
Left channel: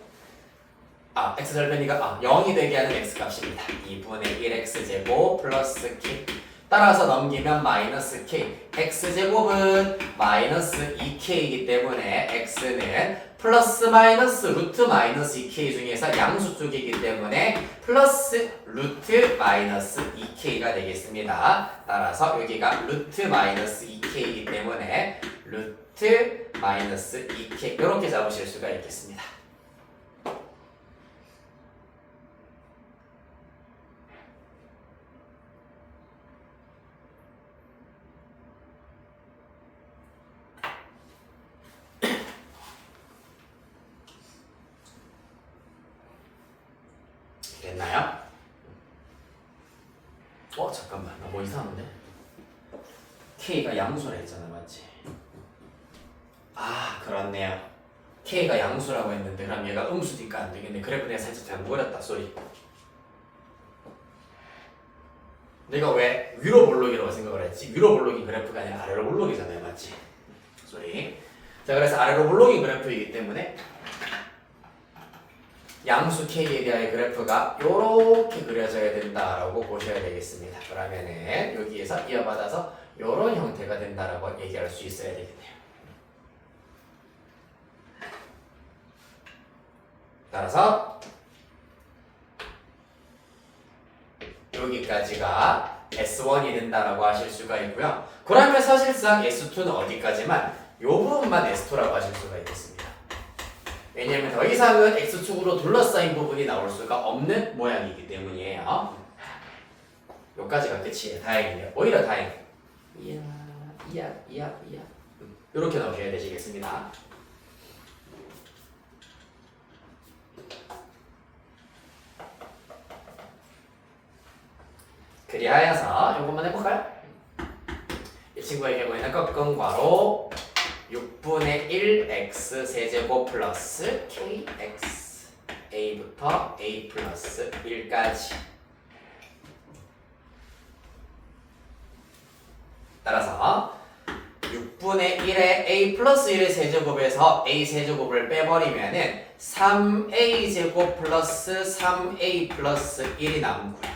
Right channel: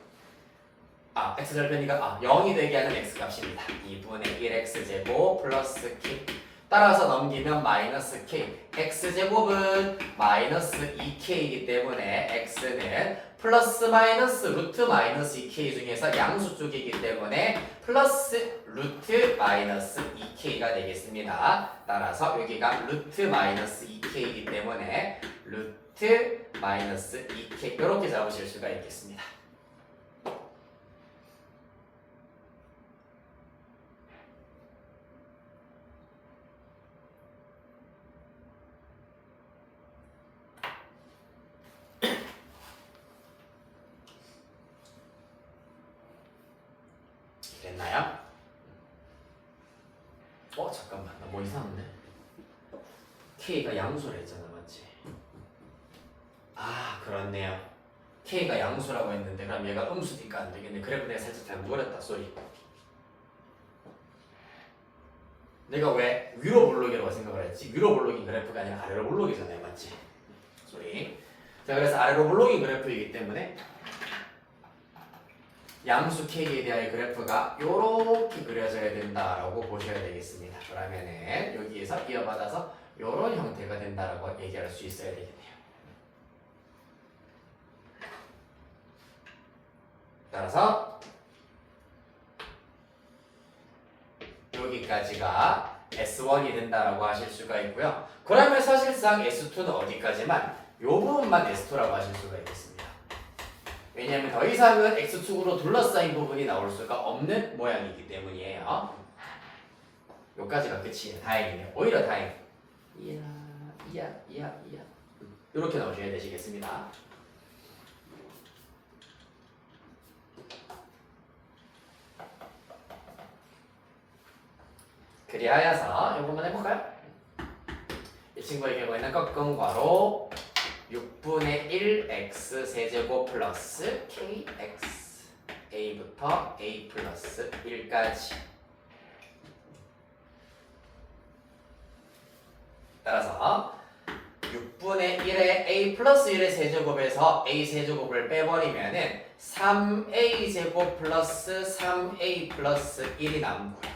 x절편이가 0이 되게 하는 x값입니다. 2분의 1x제곱 플러스 k 따라서 넘기면 마이너스 k x제곱은 마이너스 2k이기 때문에 x는 플러스 마이너스 루트 마이너스 2k 중에서 양수 쪽이기 때문에 플러스 루트 마이너스 2k가 되겠습니다. 따라서 여기가 루트 마이너스 2k이기 때문에 루트 마이너스 2k 이렇게 잡으실 수가 있겠습니다. 됐나요? 잠깐만 나 뭐 이상한데? K가 양수라 했잖아 맞지? 그렇네요. K가 양수라고 했는데 그럼 얘가 음수니까 안 되겠네. 그래프 내가 살짝 잘못 그렸다 쏘리. 내가 왜 위로 볼록이라고 생각을 했지? 위로 볼록인 그래프가 아니라 아래로 볼록이잖아요 맞지? 쏘리. 자 그래서 아래로 볼록인 그래프이기 때문에 양수 K에 대한 그래프가 이렇게 그려져야 된다라고 보셔야 되겠습니다. 그러면은 여기에서 이어받아서 이런 형태가 된다라고 얘기할 수 있어야 되겠네요. 따라서 여기까지가 S1이 된다라고 하실 수가 있고요. 그러면 사실상 S2는 어디까지만 이 부분만 S2라고 하실 수가 있겠습니다. 왜냐하면 더 이상은 X축으로 둘러싸인 부분이 나올 수가 없는 모양이기 때문이에요. 여기까지가 끝이에요. 다행이네요. 오히려 다행. 이야. 이렇게 나오셔야 되시겠습니다. 그리하여서 이것만 해볼까요? 이 친구에게 보이는 꺾음괄호 6분의 1 x 세제곱 플러스 kx a부터 a 플러스 1까지 따라서 6분의 1의 a 플러스 1의 세제곱에서 a 세제곱을 빼버리면은 3a 제곱 플러스 3a 플러스 1이 남고요.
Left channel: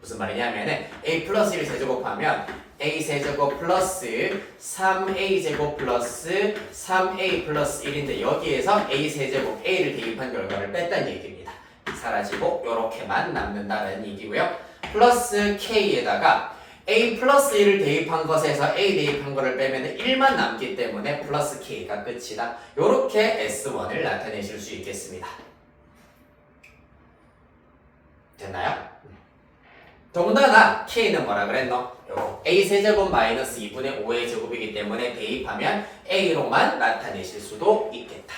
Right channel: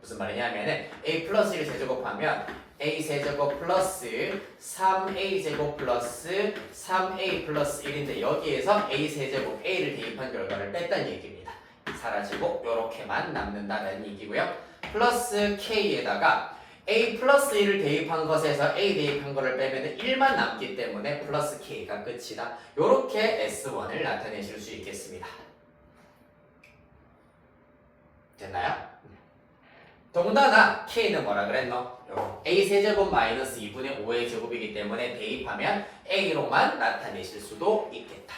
무슨 말이냐면은 a 플러스 1을 세제곱하면 a 세제곱 플러스 3a 제곱 플러스 3a 플러스 1인데 여기에서 a 세제곱 a를 대입한 결과를 뺐다는 얘기입니다. 사라지고 요렇게만 남는다는 얘기고요. 플러스 k에다가 a 플러스 1을 대입한 것에서 a 대입한 거를 빼면 1만 남기 때문에 플러스 k가 끝이다. 요렇게 S1을 나타내실 수 있겠습니다. 됐나요? 더군다나 k는 뭐라 그랬노? a 세제곱 마이너스 2분의 5의 제곱이기 때문에 대입하면 a로만 나타내실 수도 있겠다.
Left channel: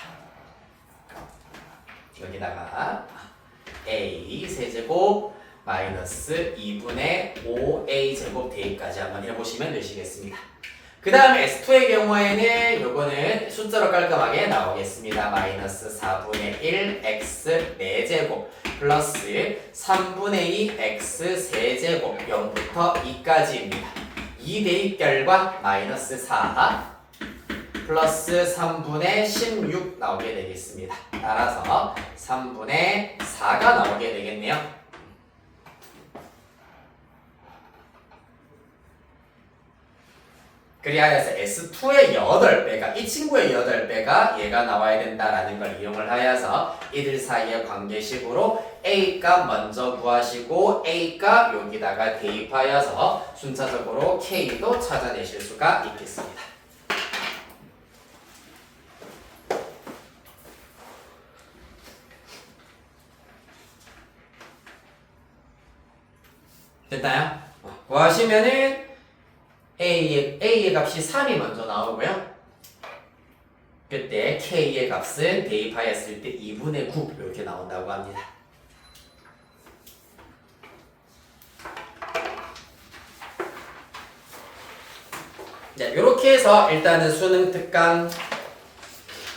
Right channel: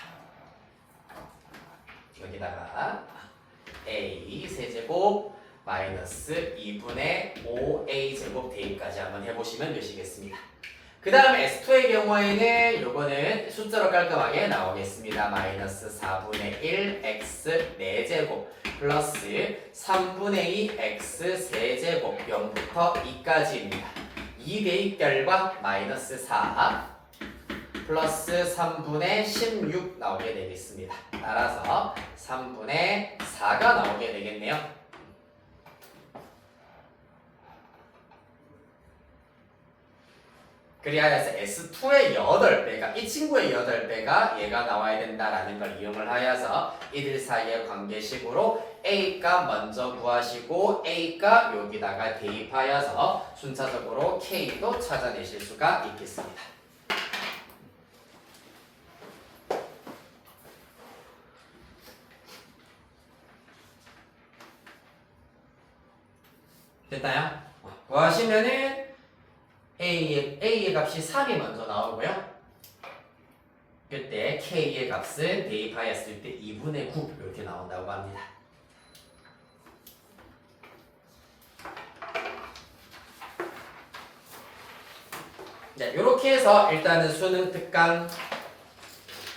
여기다가 a 세제곱 마이너스 2분의 5a 제곱 대입까지 한번 해보시면 되시겠습니다. 그 다음에 S2의 경우에는 요거는 숫자로 깔끔하게 나오겠습니다. 마이너스 4분의 1 x 4제곱 플러스 3분의 2 x 세제곱 0부터 2까지입니다. 2 대입 결과 마이너스 4 플러스 3분의 16 나오게 되겠습니다. 따라서 3분의 4가 나오게 되겠네요. 그리하여서 S2의 8배가 이 친구의 8배가 얘가 나와야 된다라는 걸 이용을 하여서 이들 사이의 관계식으로 A값 먼저 구하시고 A값 여기다가 대입하여서 순차적으로 K도 찾아내실 수가 있겠습니다. 됐나요? 구하시면은 A의 값이 3이 먼저 나오고요. 그때 K의 값은 대입하였을 때 2분의 9 이렇게 나온다고 합니다. 네, 이렇게 해서 일단은 수능 특강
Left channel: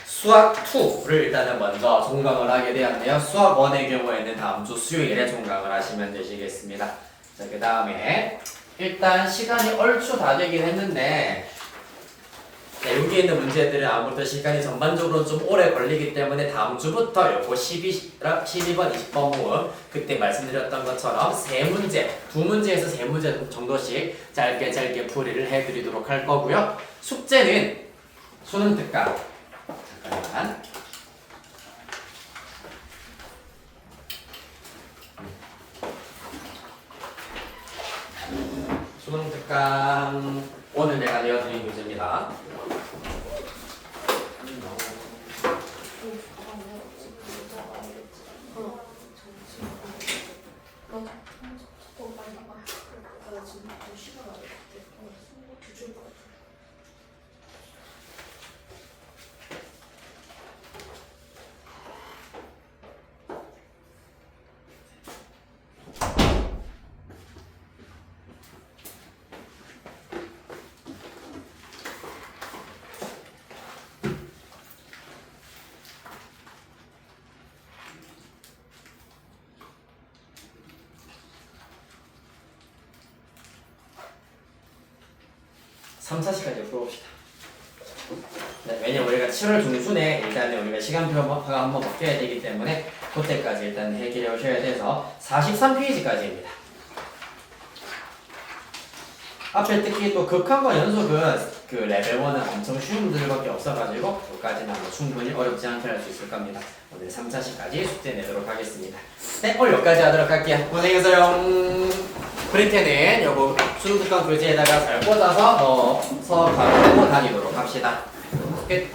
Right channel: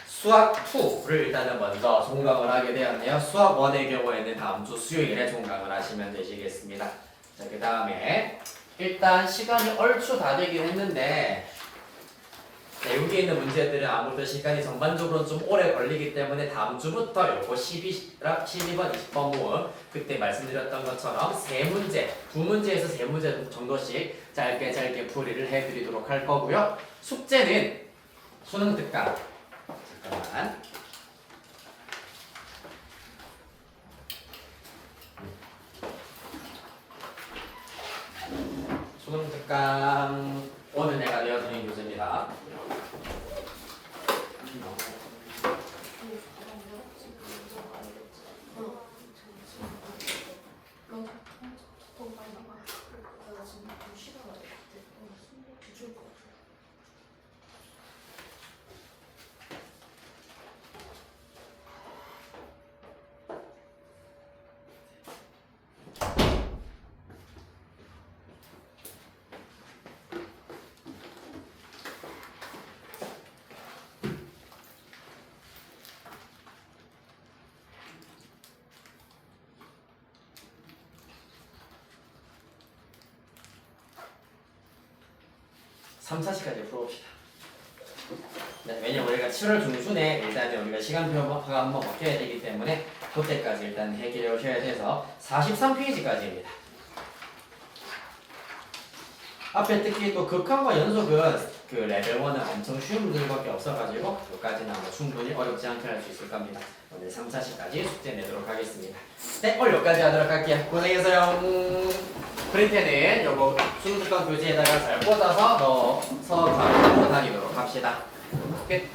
수학 2를 일단은 먼저 종강을 하게 되었네요. 수학 1의 경우에는 다음 주 수요일에 종강을 하시면 되시겠습니다. 자, 그 다음에 일단 시간이 얼추 다 되긴 했는데 자, 여기 있는 문제들은 아무래도 시간이 전반적으로 좀 오래 걸리기 때문에 다음 주부터 요거 12번, 20번 모음 그때 말씀드렸던 것처럼 세 문제, 두 문제에서 세 문제 정도씩 짧게 풀이를 해드리도록 할 거고요. 숙제는 수능 특강. 잠깐만. 수능 특강 오늘 내가 내어드린 교재입니다. 삼 4시까지 풀어봅시다. 네, 왜냐면 우리가 7월 중순에 일단 우리가 시간표가 한번 바뀌어야 되기 때문에 그때까지 일단 해결해 오셔야 돼서 43페이지까지입니다. 앞에 특히 또 극한과 연속은 그 레벨 1은 엄청 쉬운 문제밖에 없어가지고 여기까지는 아마 충분히 어렵지 않게 할 수 있을 겁니다. 오늘 3, 4시까지 숙제 내도록 하겠습니다. 네, 오늘 여기까지 하도록 할게요. 고생했어요. 그럴 때는 요거 수능특강 교재에다가 잘 꽂아서 넣어서 가지고 다니도록 합시다. 끝.